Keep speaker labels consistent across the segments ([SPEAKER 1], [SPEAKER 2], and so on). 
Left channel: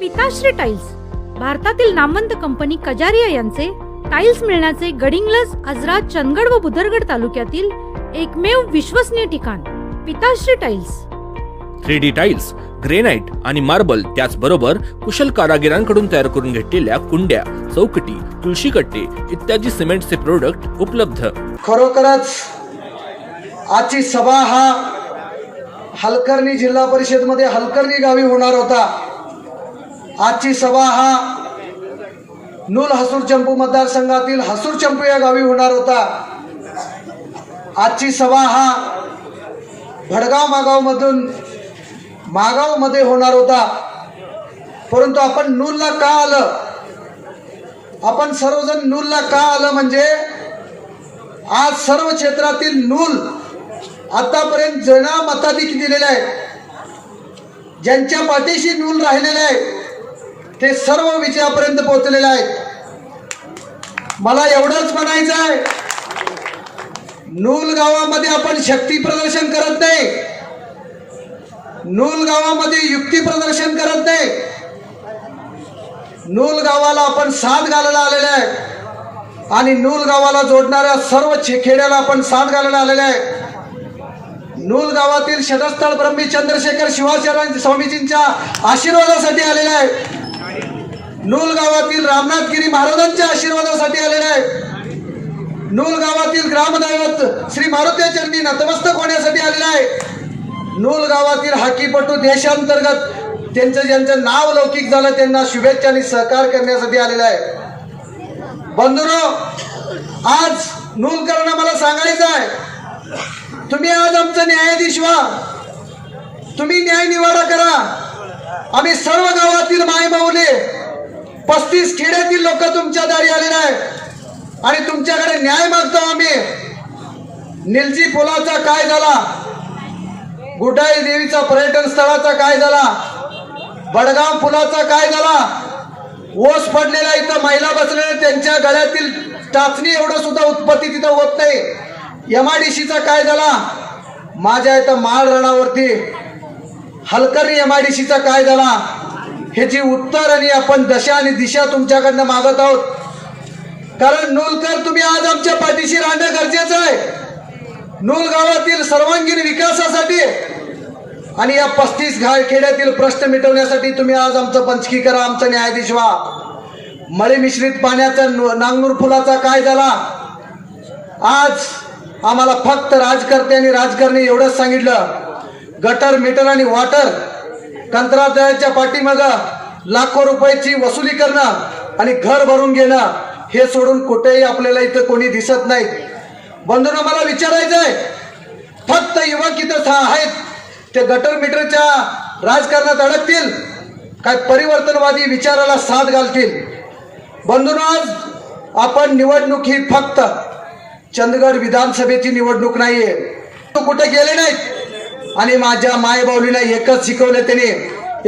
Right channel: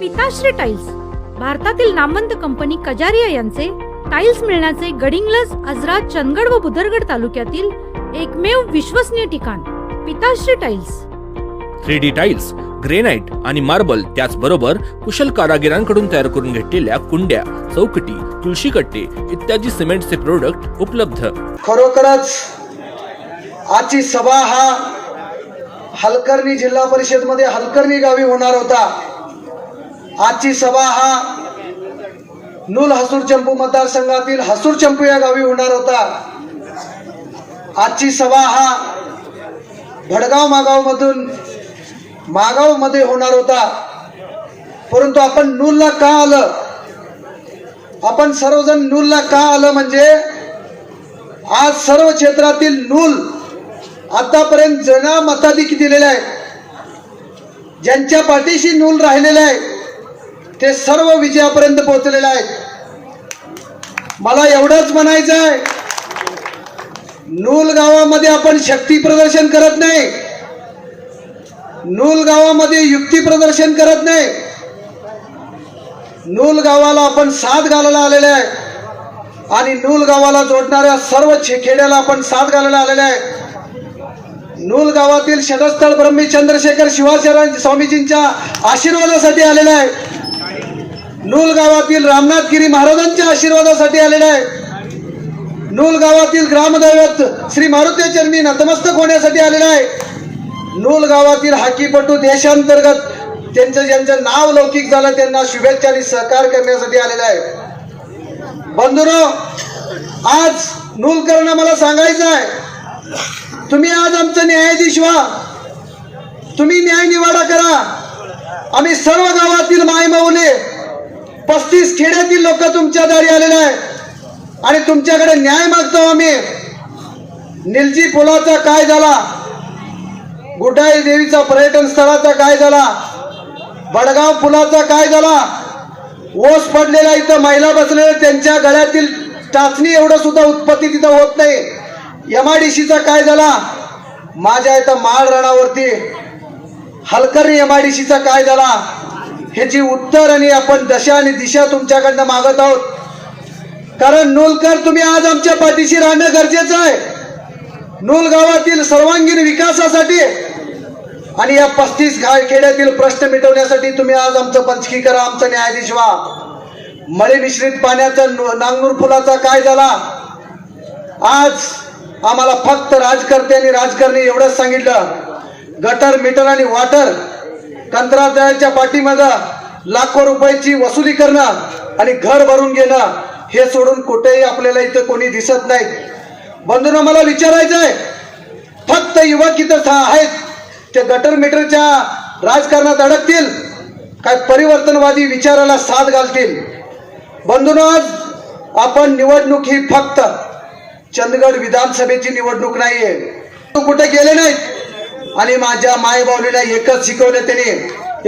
[SPEAKER 1] पिताश्री टाइल्स भारतातील नामवंत कंपनी कजारिया यांचे टाइल्स मिळण्याचे गडिंग्लज आजरा चंदगड व बुदरगड तालुक्यातील एकमेव विश्वसनीय ठिकाण Pitashri tiles
[SPEAKER 2] three D tiles granite आणि मार्बल त्याचबरोबर कुशल कारागिरांकडून तयार करून घेतलेल्या कुंड्या चौकटी तुळशी कट्टे इत्यादी सिमेंटचे प्रोडक्ट उपलब्ध.
[SPEAKER 3] खरोखरच आजची सभा हा हलकर्णी जिल्हा परिषदमध्ये हलकर्णी गावी होणार होता. आजची सभा हा नूल हसूर चंपू मतदारसंघातील हसूर चंपू या गावी होणार होता. आजची सभा हा भडगाव मागाव मधून मागावमध्ये होणार होता. परंतु आपण नूलला का आलं? आपण सर्वजण नूलला का आलं म्हणजे आज सर्व क्षेत्रातील नूल आतापर्यंत जना मताधिक दिलेले आहे ज्यांच्या पाठीशी नूल राहिलेला आहे ते सर्व विजयापर्यंत पोहोचलेले आहेत. मला एवढंच म्हणायचं आहे. नूल गावामध्ये आपण शक्ती प्रदर्शन करत नाही. नूल गावामध्ये युक्ती प्रदर्शन करत नाही. नूल गावाला आपण साथ घालायला आलेले आहे. आणि नूल गावाला जोडणाऱ्या सर्व खेड्याला आपण साथ घालायला आलेले आहे. नूल गावातील शतस्थळ ब्रह्मी चंद्रशेखर शिवाचार्य स्वामीजींच्या आशीर्वादासाठी आलेला आहे. नूल गावातील रामनाथगिरी महाराजांच्या आशीर्वादासाठी आलेला आहे. नूल गावातील ग्रामदैवत श्री मारुती चरणी नतमस्तक होण्यासाठी आलेला आहे. नूल गावातील हाकीपटू देशांतर्गत त्यांचं ज्यांचं नाव लौकिक झालं त्यांना शुभेच्छा आणि सहकार करण्यासाठी आलेला आहे. बंधुरो आज नूलकरांना मला सांगायचं आहे. तुम्ही आज आमचं न्यायाधीश व्हा. तुम्ही न्याय निवाडा करा. आम्ही सर्व गावातील मायमाऊले पस्तीस खेड्यातील लोक तुमच्या दारी आलेले आहे आणि तुमच्याकडे न्याय मागतो आम्ही. निलजी पुलाचा काय झाला? गुटाई देवीचा पर्यटन स्थळाचा काय झाला? बडगाव पुलाचा काय झाला? ओस पडलेला इथं महिला बसलेल्या त्यांच्या गळ्यातील टाचणी एवढं सुद्धा उत्पत्ती तिथं होत नाही. एमआयडीसीचा काय झाला? माझ्या इथं माळ रणावरती हलकरी एमआयडीसीचा काय झाला? ह्याची उत्तर आणि आपण दशा आणि दिशा तुमच्याकडनं मागत आहोत. कारण नूलकर तुम्ही आज आमच्या पाठीशी राहणं गरजेचं आहे. नूल गावातील सर्वांगीण विकासासाठी आणि या पस्तीस घाट खेड्यातील प्रश्न मिटवण्यासाठी तुम्ही आज आमचं पंचकी करा आमचं न्यायाधीश व्हा. मळे मिश्रित पाण्याचा नांगनूर फुलाचा काय झाला? आज आम्हाला फक्त राजकर्त्यांनी राजकारणी एवढंच सांगितलं. गटर मीटर आणि वॉटर कंत्राटदाराच्या पाठीमागं लाखो रुपयाची वसुली करणं आणि घर भरून घेणं हे सोडून कुठेही आपल्याला इथं कोणी दिसत नाही. बंधूंना मला विचारायचं आहे फक्त युवक इथं आहेत ते गटर मीटरच्या राजकारणात अडकतील काय परिवर्तनवादी विचाराला साथ घालतील? बंधूंनो आज आपण निवडणूक ही फक्त चंदगड विधानसभेची निवडणूक नाहीये. तू कुठे गेले नाहीत? आणि माझ्या मायबावलीला एकच शिकवलं त्यांनी.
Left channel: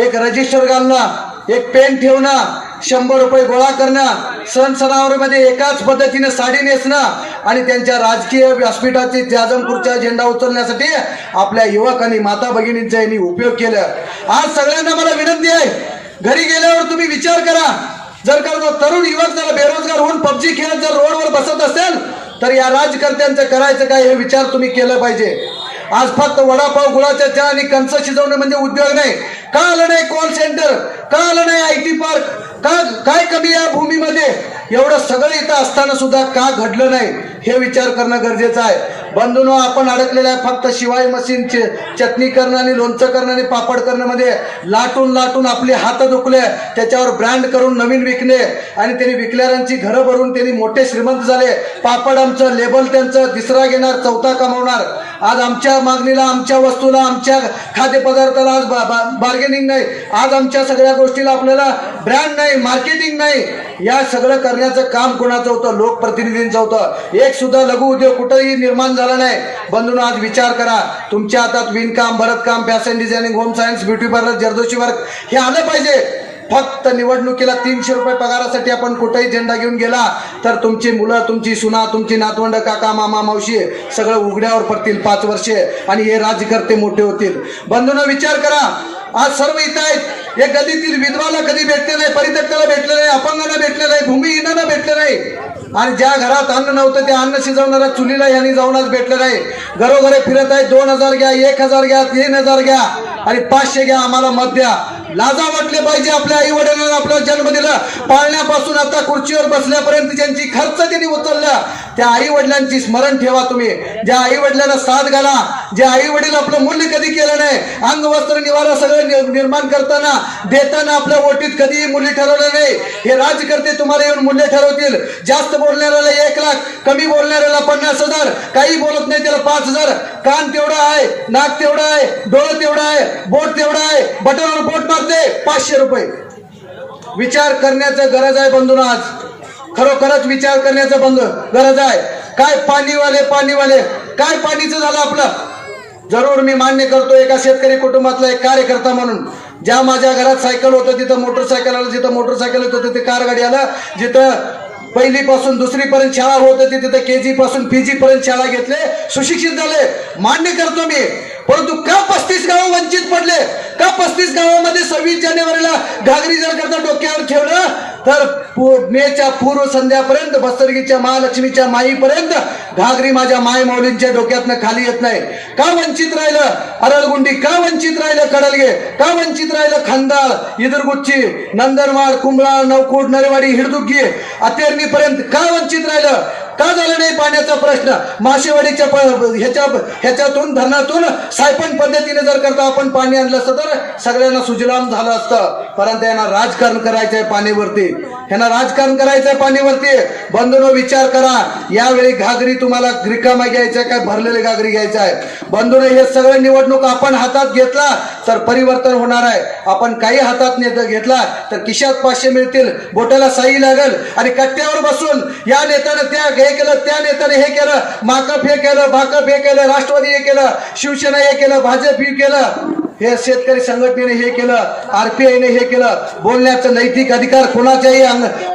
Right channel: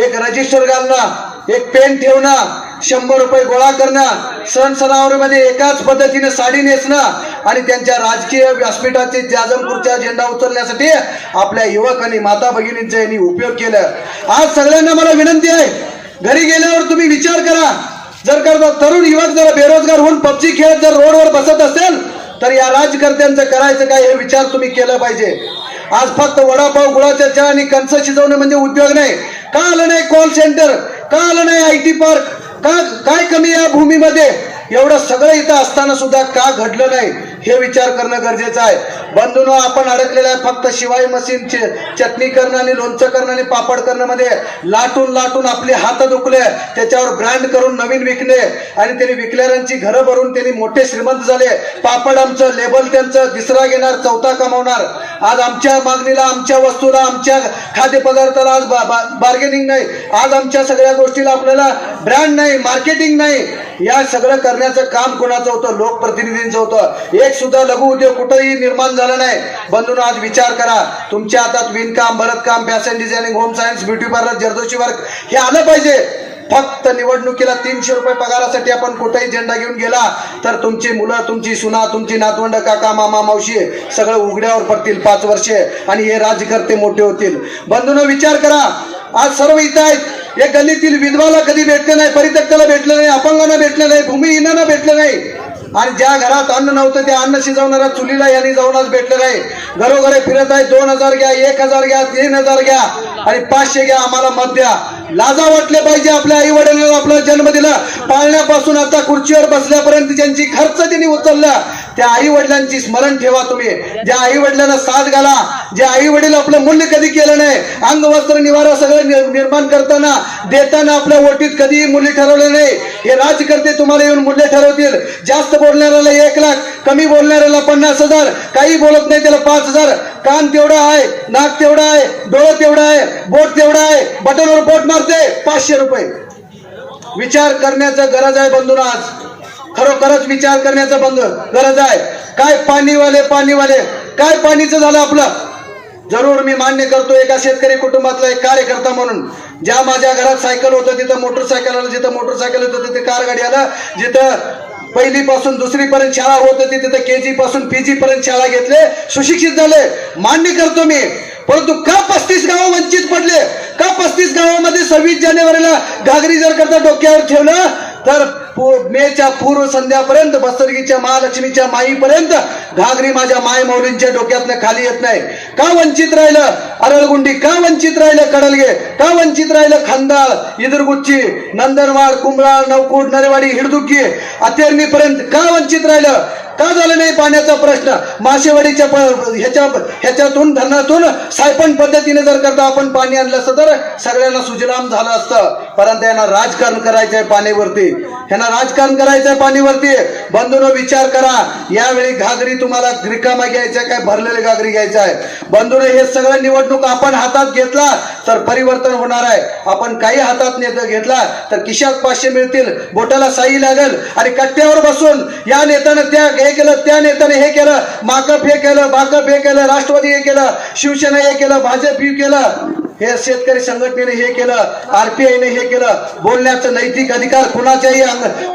[SPEAKER 3] एक रजिस्टर घालणं एक पेन ठेवणं शंभर रुपये गोळा करणं सण सणावरमध्ये एकाच पद्धतीने साडी नेसणं आणि त्यांच्या राजकीय व्यासपीठाचे जाजमपूरचा झेंडा उचलण्यासाठी आपल्या युवक आणि माता भगिनींचा यांनी उपयोग केलं. आज सगळ्यांना मला विनंती आहे घरी गेल्यावर तुम्ही विचार करा. जर का तरुण युवक जर बेरोजगार होऊन पबजी खेळत जर रोडवर बसत असेल तर या राजकर्त्यांचं करायचं काय हे विचार तुम्ही केलं पाहिजे. आज फक्त वडापाव गुळाच्या चहा आणि कंच शिजवणे म्हणजे उद्योग नाही. का आलं नाही कॉल सेंटर का आलं नाही आय टी पार्क? का काय कमी या भूमीमध्ये? एवढं सगळं इथं असताना सुद्धा का घडलं नाही? हे विचार करणं गरजेचं आहे. बंधूनो आपण अडकलेलं आहे फक्त शिवाय मशीनचे चटणी करणं आणि लोणचं करणं आणि पापड करणं मध्ये लाटून लाटून आपले हात दुखले त्याच्यावर ब्रँड करून नवीन विकले. आणि त्यांनी विकलेल्यांची घरं भरून त्यांनी मोठे श्रीमंत झाले. पापड आमचं लेबल त्यांचं तिसरा घेणार चौथा कमावणार. आज आमच्या मागणीला आमच्या वस्तूला आमच्या खाद्यपदार्थाला आज बार्गेनिंग नाही. आज आमच्या सगळ्या गोष्टीला आपल्याला ब्रँड नाही मार्केटिंग नाही. या सगळं करण्याचं काम कोणाचं होतं? लोकप्रतिनिधींचं होतं. एक सुद्धा लघु उद्योग कुठंही निर्माण झाला नाही. बंधून आज विचार करा. तुमच्या हातात विणकाम भरतकाम fashion designing home science beauty parlour zardozi work हे आलं पाहिजे. फक्त निवडणुकीला तीनशे रुपये पगारासाठी आपण कुठेही झेंडा घेऊन गेला तर तुमची मुलं तुमची सुना तुमची नातवंड काका मामा मावशी सगळं उघड्यावर पडतील पाच वर्षे. आणि हे राजकर्ते मोठे होतील. बंधून विचार करा. आज सर्व इथं आहेत. या गल्लीतील विधवाला कधी भेटले नाही परित्यक्ताला भेटलं नाही अपंगांना भेटलं नाही भूमिहीनांना भेटलं नाही. आणि ज्या घरात अन्न नव्हतं त्या अन्न शिजवणाऱ्या चुलीला यांनी जाऊनच भेटलं नाही. घरोघरे फिरत आहे दोन हजार घ्या एक हजार घ्या तीन हजार घ्या आणि पाचशे घ्या आम्हाला मत द्या. लाजा वाटले पाहिजे आपल्या आई वडिलांना आपला जन्म दिला पाळण्यापासून आता खुर्चीवर बसल्यापर्यंत ज्यांची खर्च त्यांनी उचलला त्या आई वडिलांची स्मरण ठेवा तुम्ही. ज्या आई वडिलांना साथ घाला जे आई वडील आपलं मूल्य कधी केलं नाही अंग वस्त्र निवारा सगळं निर्माण करताना देताना आपल्या ओटीत कधीही मूल्य ठरवलं नाही. हे राजकर्ते तुम्हाला येऊन मूल्य ठरवतील. जास्त बोलणाऱ्याला एक लाख कमी बोलणाऱ्याला पन्नास हजार काही बोलत नाही त्याला पाच हजार. कान तेवढा आहे नाक तेवढा आहे डोळं तेवढा आहे बोट तेवढा आहे बटनवर बोट मारते पाचशे रुपये. विचार करण्याचं गरज आहे बंधून आज खरोखरच विचार करण्याचं बंद गरज आहे. काय पाणीवाले पाणीवाले काय पाणीचं झालं आपलं? जरूर मी मान्य करतो एका शेतकरी कुटुंबातला एक कार्यकर्ता म्हणून. ज्या माझ्या घरात सायकल होतं तिथं मोटरसायकल आलं जिथं मोटरसायकल होतं तिथे कार गाडी आलं जिथं पहिली पासून दुसरी पर्यंत शाळा होत होती तिथं के जी पासून पी जी पर्यंत शाळा घेतले सुशिक्षित झाले. मान्य करतो मी. परंतु का पस्तीस गाव वंचित पडले? का पस्तीस गावामध्ये सव्वीस जानेवारीला घागरी जर करता डोक्यावर ठेवलं तर मेच्या पूर्व संध्यापर्यंत बसरगीच्या महालक्ष्मीच्या माईपर्यंत घागरी माझ्या माय माऊलींच्या डोक्यातनं खाली येत नाही. का वंचित राहिलं? अरळगुंडी का वंचित राहिलं कडलगे? का वंचित राहिलं खांदाळ इदरगुच्ची नंदनवाड कुंभळाळ नवकूड नरेवाडी हिडदुग्गी? अतेरणीपर्यंत का वंचित राहिलं? का झालं नाही पाण्याचा प्रश्न? मासेवाडीच्या ह्याच्या ह्याच्यातून धरणातून सायपण पद्धतीने जर करता आपण पाणी आणलं असतं तर सगळ्यांना सुजलाम झालं असतं. परंतु यांना राजकारण करायचं आहे पाण्यावरती. यांना राजकारण करायचंय पाणीवरती. बंधून विचार करा. यावेळी घागरी तुम्हाला रिकामा घ्यायचा आहे काय भरलेली घागरी घ्यायचा आहे बंधून हे सगळं निवडणूक आपण हातात घेतला तर परिवर्तन होणार आहे. आपण काही हातात नेत घेतला तर किशात पाचशे मिळतील. बोटाला साई लागेल आणि कट्ट्यावर बसून या नेत्यानं त्या हे केलं त्या नेत्याने हे केलं. माकप हे केलं भाकप हे केलं राष्ट्रवादी हे केलं शिवसेना हे केलं भाजप हे केलं. हे शेतकरी संघटनेने हे केलं आरपीआयने हे केलं. बोलण्याचं नैतिक अधिकार कुणाच्याही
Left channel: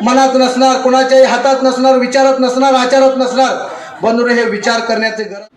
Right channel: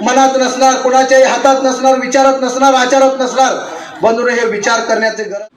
[SPEAKER 3] मनात नसणार कुणाच्याही हातात नसणार विचारत नसणार आचारत नसणार. बंधून हे विचार करण्याचे गरज